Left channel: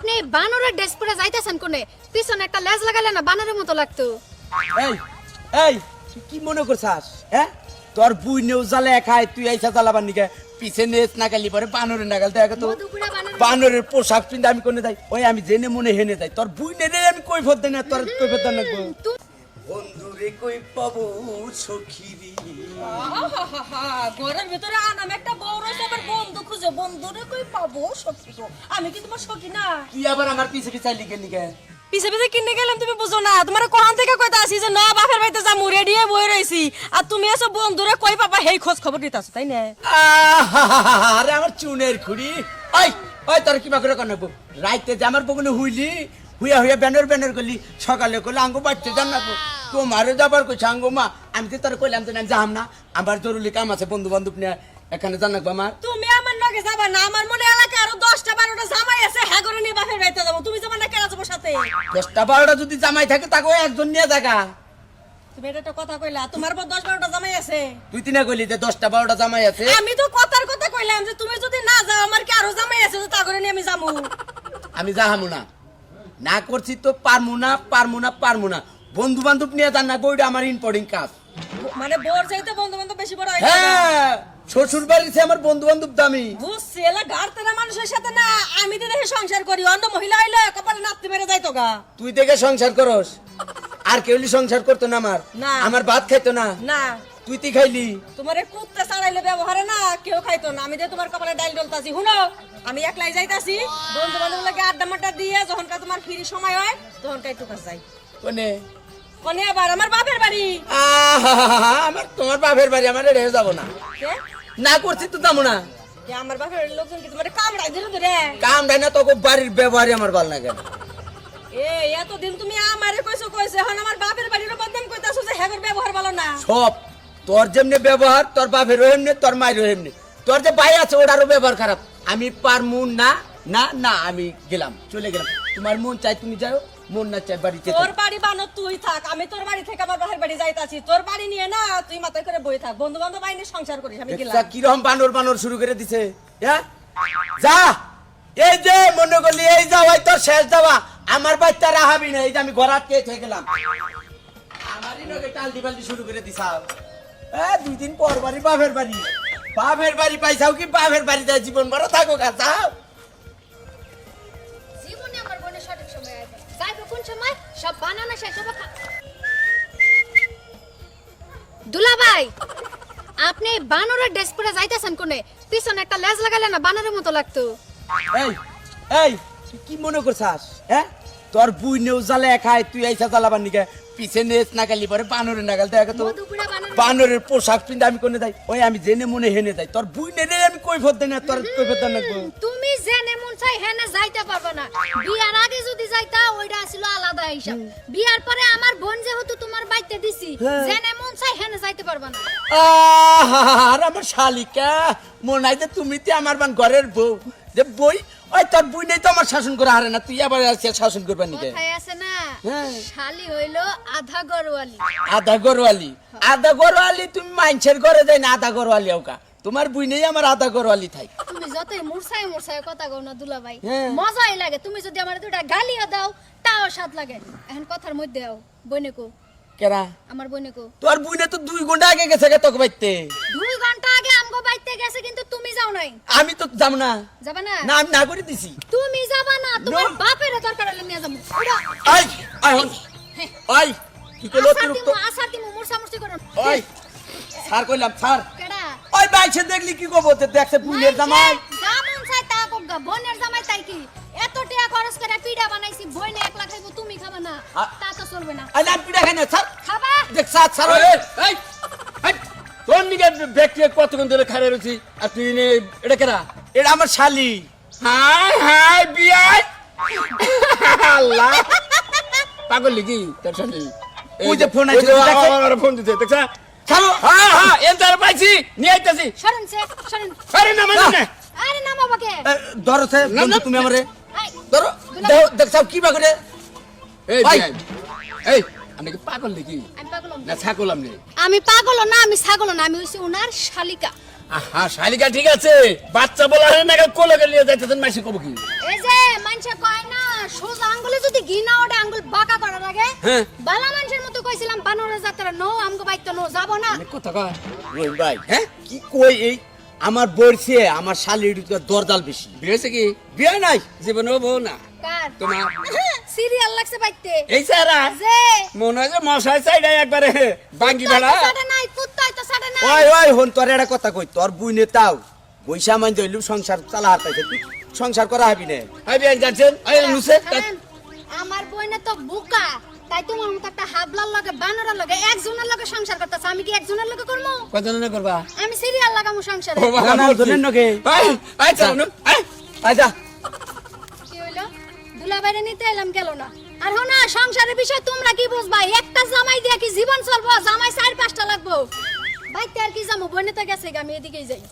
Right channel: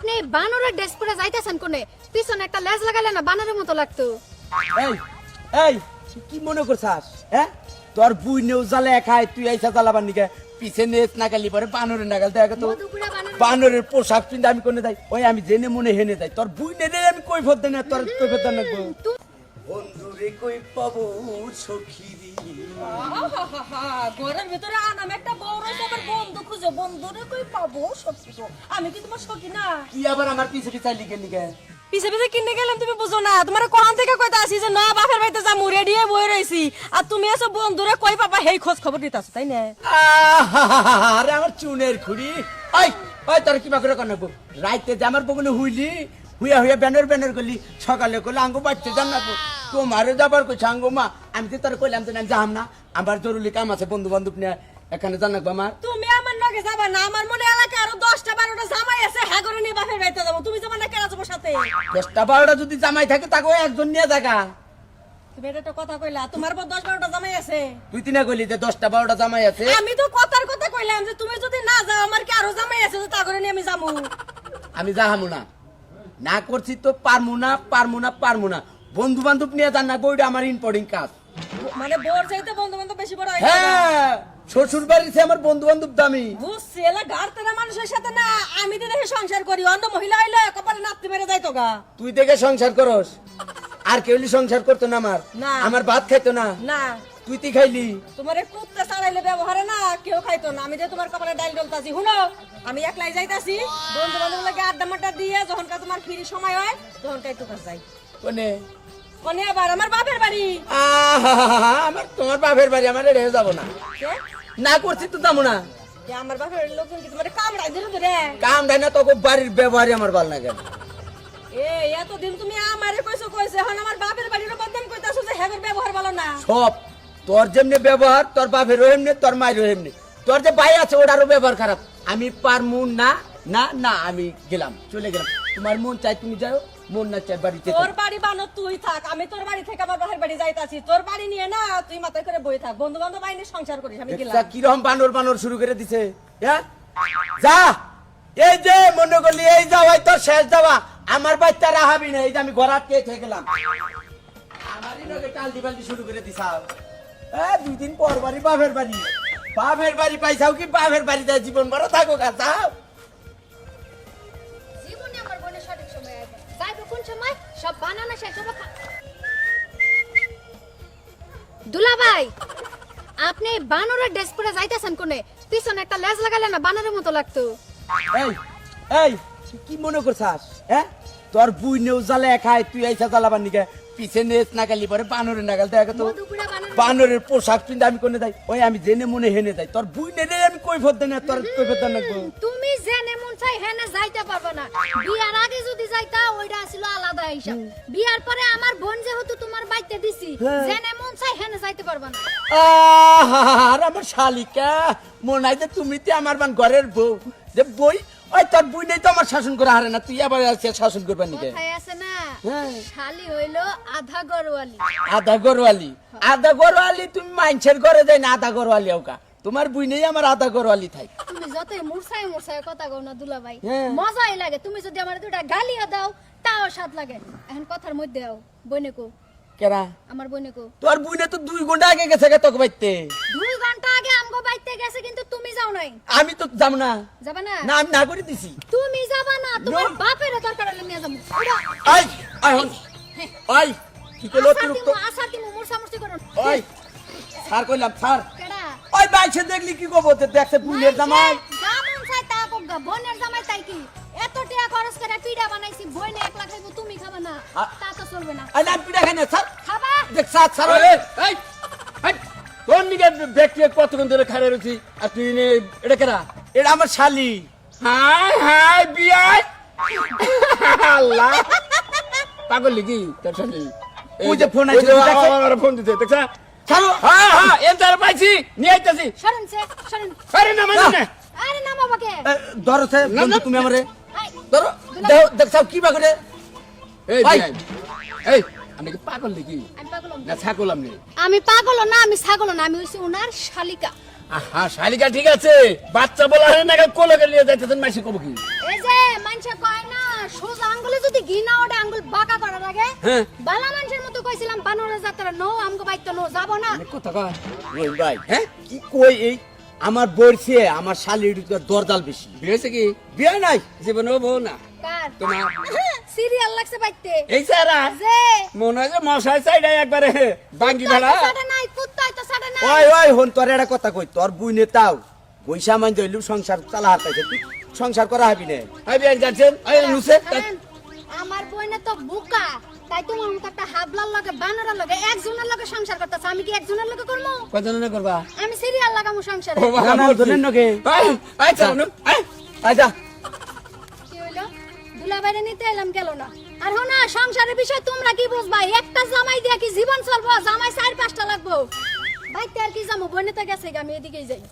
আপনি বানরের ড্রেস পরে যাইতেছেন কোনে? পিছনে একটা লেজ লাগালে না বানরের মতো লাগতো। এই এই তুই কি মনে করছাস? হ্যাঁ, তোর বুই নেও জ্বালা খায়, তুই আইসা জ্বালাবার নিকে পিছে নেস নাগালি পরে বানরের নাগাল দেখা তো মধুপুরা বানরের পোশাক পিন্ধে আমি কোনে যাই, ওই আমি জেনে মনে হেনে যাই। তোর বুই নে রে আমি কই ফদ না, তোর কই ফদ না গো। বন্ধুরে কই পাবো সখীরি, ঘরের ভিতরে আনাম একটা বড় সবার বন্ধু খুঁজে, বন্ধুরে কই পাবো সত্যি গো। আমি কি তোমার সখী না? তুই আবার আমার পিছে পিছে লিখে নিকে পিছে পিছে কিনে গেলাম, তুমি বুঝো না? তোমার কোহান থেকে কইতা আসি যে না বাপের বাড়িতে যামু, রেডি হয়ে বই রইছি, আর তুমি এসো বন্ধুরে কই পাবা হেই খোঁজ খবর দিতাছো, তাই না? আরে আমার চুনের খুড়ি, ওই ওই তোর কিবা করে কানবো রাইতে যে আমার বগুনে হুইলি হুইয়া হুইয়া ব্যানার ব্যানার করলি, সকালে করলে আঙ্গু বাড়তে জানাবো তোমারও যাবার কইছে আঙ্গু মা। আমি তো তোর কইলাম তো না যাম না, আমার জরুরি কাম আছে, বন্ধু বান্ধব নিয়ে এখানে জানাবো আমার। তুমি আমার লগে যাবা না? আমার মনে এলাকায় আরো 10টা 12টা জামাই আছে, হ্যাঁ করে নিয়ে বাপের বাড়িতে যাবো। তুমি যাবা না কেন যাবো সাথে? 10টা 12টা যদি জামাই থাকে তাকে একজন নিয়ে জায়গা। তুমি এটা একটা কথা কইলা, তোমার পর 10 12টা জামাই আছে। তুই তিনা কইলি যে 10টা 12টা জামাই আছে। আমি তো কথার কথা কইলাম যে তুমি যদি না যাও আমার কি আরো জামাই আছে, তা করে নিয়ে আমি যাবো। আমি যাহামু না, না করছি তো পারমু না পারমু না পারমু না। বন্ধু বান্ধব নিয়ে জান না, বইটা আমার ইম্পর্টেন্ট কাজ। মানে বোর চাইতে বন্ধু বান্ধব বেশি বড় হয়। হ্যাঁ, শ্বশুর বাড়িতে আমার বন্ধু বান্ধব দামি। বুঝছি, এলা গাড়তেরা মানুষের সাথে না, আমি তো দেখে সংসার করি, অন্য মহিলা হইলে কপালে নাপতে মেরে যাইতো গা। তুই দেখে সংসার করস, আর কেউ সংসার করতো না আমার। না। আমার ভাত খাইতো না, না, তুই তুই খাইলি। তোমার এই কুত্তা চালাইলে ব্যবহারে না কেউ খাইতো না, আমি যে তোমার কপালে ডাইল ডলতাছি। শুনো, আমি একলাই যাইতাছি, বন্ধু বান্ধব লাগে আড্ডা মাড্ডা দিয়ে যখনকার তোমার ফ্রি সময় হয় তখনকার একটু কাজ যাই। কোনে? কোনে আবার? আমার বাপের বাড়ি। আমার তোমার বাপের বাড়ি, আমার রেহে যাবো না, কে? না করছি তো যাবো না। কে আমার বাপের বাড়ির লোকজন কি তোমার কামড়াই দিল ধরে? কাম দেয় না, তোকে বাড়ির ব্যবহারই আমার ভালো লাগে না। এতদিন তুমি আমারে কইছো এখন আমার বাপের বাড়ির বদনাম কইতাছো যে হেগর ব্যবহার ভালো না। সব তোর যেমনি ব্যবহার, তোর বাপেরও এমনি, তোর মায়েরও এমনি। তোর যে ভাই আছে ওটারও ব্যবহার খারাপ। আমি পারমু না, না না, আমি গেলাম, চলে গেলাম। তোমার মন চাই তুমি যাও, মন না চাই বাড়িতে তোর বাড়ি বানো তুই থাক, আমি তোর বাড়ি থেকে আমার বাপের বাড়ি যাইতাছি। তোর বাড়ি নিয়ে না তুই মাথায় করে বই থাক, বন্ধু বান্ধব আইনে সংসার করিস, আমি গেলাম। কিরকম বানর বানর শুরু করে দিছে। হ্যাঁ, যা, এই যে মনে করলি এই যাওয়াই তোর শেষ যাওয়া, আমার বাচ্চা রাহাবি না। এই যে আমি ঘর আটকে থেকে গেলাম, আমারই লগে টালদি বালদি শুরু করে দিছাও। 2 দিন পর বাড়ি বাপের বাড়ি, বাপের বাড়ি পাইছাও কি বাপের বাড়ি যায় জীবন বড় থাকো গা, যাও। জীবনে আমার বোনের সঠিক সময় আসবে। যাইবো কোন সময়? সব বানানো শেষ হবে। দুলাভাই, আপনি বানরের ড্রেস পরে যাইতেছেন কোনে? পিছনে একটা লেজ লাগালে না বানরের মতো লাগতো। এই এই তুই কি মনে করছাস? হ্যাঁ, তোর বুই নেও জ্বালা খায়, তুই আইসা জ্বালাবার নিকে পিছে নেস নাগালি পরে বানরের নাগাল দেখা তো মধুপুরা বানরের বানরের পোশাক পিন্ধে আমি কোনে যাই, ওই আমি জেনে মনে হেনে যাই। তোর বুই নে রে আমি কই ফদ না, তোর কই ফদ না গো। তুমি জেনে মন চাই হেনে যাইতে পারবে না। বিয়ার আগে যদি যাইতা ওইটা ছিল আলাদা হিসাব। বিয়ার পরে আমার বোন যেহেতু তোমার বাইতে দিছি, জেনে মন চাই হেনে যাইতে পারবে না। আর আমার শালিকা মনে হয় যে তুমি তো আমার বান ঘরের বউ, যে বই ওই তোর বুই নেই তো আমার শাসন করে হারে না, তুই আবার শাসন করবার নিকে। কথায় আছে না, হ্যাঁ। শালি হইলো আধা গরওয়ালি। আধা গরওয়ালি, আধা গরওয়ালি তুমি মাইনছের ঘরে যাই না, আধা গরওয়ালি ওকা তোমার বুই নেই আমার আধা গরওয়ালি থাই। তুমি যতই মুরসাই মুরসাই কথা কও না দুলাভাই, হ্যাঁ। মজাই লাগে। তুমি যদি আমার দুটা গালিও দাও তাও স্বাদ লাগে। এখন কথার মধ্যে আও, বইনে কো, কেরা আমার বইনে কো। তোর বুইনে তো 2 ঘন্টা আগে গেছে গে তোকে বাইতে। 2 ঘন্টা আগে আমগো বাইতে গেছে কিন্তু তুমি যাও নাই। আমি তো যাব না, যাবা না? না আমি না করে দিছি। তুমি যাবা না, তোমার No. বাপের দরকার হলে নিয়ে যাবো। আই আই হন আই কি কইলো তুই তো আসার দিমু মুরসা মুরসি করো। ওই স্যার কইলাম স্যার, কেডা? ওই বাইছে দেখলি কি কব, দেখছে বুইনের জামাই। জামুন চাই তা কোগা, বোনের জামাই তাই কি? এত টাকা খরচ করে পিঠা বানাইছি, বইনে একলা খাইবো, তুমি খাবা না, তা তো চলবে না। আই না পিড়া খাই না স্যার, খাবা? দেখ স্যার স্যার এই এই এই কোন দিকে ব্যক্তি কতক্ষণ ধরে খাড়া রয়েছি আর তুই এটা কেনা? এটা আমার শালি। হাই হাই বিয়াই আল্লাহ পাগল লিখি তার সাথে ওই যে ফোন আইছে, দেখছে? আমার ফোন দিতে দেখছা? ছাড়ো। হ্যাঁ হ্যাঁ এন্টার পাইছি নিয়ে আইতাছি। সরেন সে, সরেন। আরে না মানে না আরে নামা বাকে। ধরো সে বন্ধু তুমি আমারে আই, ধরো, দেখছাও কি বা করে। এই ভাই। বিয়াই এই আমি কি পাগল লিখি আমি পাগল না ছাগল আমি? আমি পাগল না, আমি ছাগল না, আমি হইছি ওনার শালিকা। হ্যাঁ শালিকা ঠিক আছে, বাচ্চা বলা হয় না কোলে নিয়ে যাইতেছেন মাসি কব কি? এই যে মান মানুষে কয় না সোজা আঙ্গুলে যদি ঘি না ওঠে আঙ্গুল বাঁকা করা লাগে হ্যাঁ। বালা মানুষের মতো কইছিলাম বানর যাত্রা নো আমগো বাইতে নো যাব না কথা কয় রহিম ভাই হ্যাঁ কি কই এই আমার বলছে আমার শালির দরদাল বেশি বিয়ে হয়েছে কি বিয়ে নাই জীবনেও বউ না কার তোমার সিরিয়াল লাগছে বাইতে এই সারা যে মনে হয় যে মশাই চাইডাই একবারে বাঙ্গি ভেড়া সাড়ে নাই কুত্তাই তো সাড়ে নাই ওই ওই হন তোর একটা কথা কই তোর বুইনে তাও বৈশা মান দইলু সংসার চালা হারতাইছে তুই সংসার করা হবি না আই বিয়ান যাচ্ছেন আই নুসে হারান, আমার বইনে তো বুকা তাই তোমার মতো একটা হাবলার লগে বানরের লগে একজনের লগে সংসার করতেছ আমি কি একজনের লগে করবো কজন না করবা আমি সিরিয়াল লাগামু সংসারে ও বাবা না, ধরেন নগে। আই আই চলো না আই আচ্ছা কি হইলো দুলা বাইরে নিতে এলাম গেল না আর হো না সংসারের বিষয় তোমরা কি বুঝবা একটা জামাই দিয়া কি জীবন চলবো জামাই 4-5টা লাগবো বাইতে আর কি যাবো বইনে তো গেছে আমি এদিকেই যাই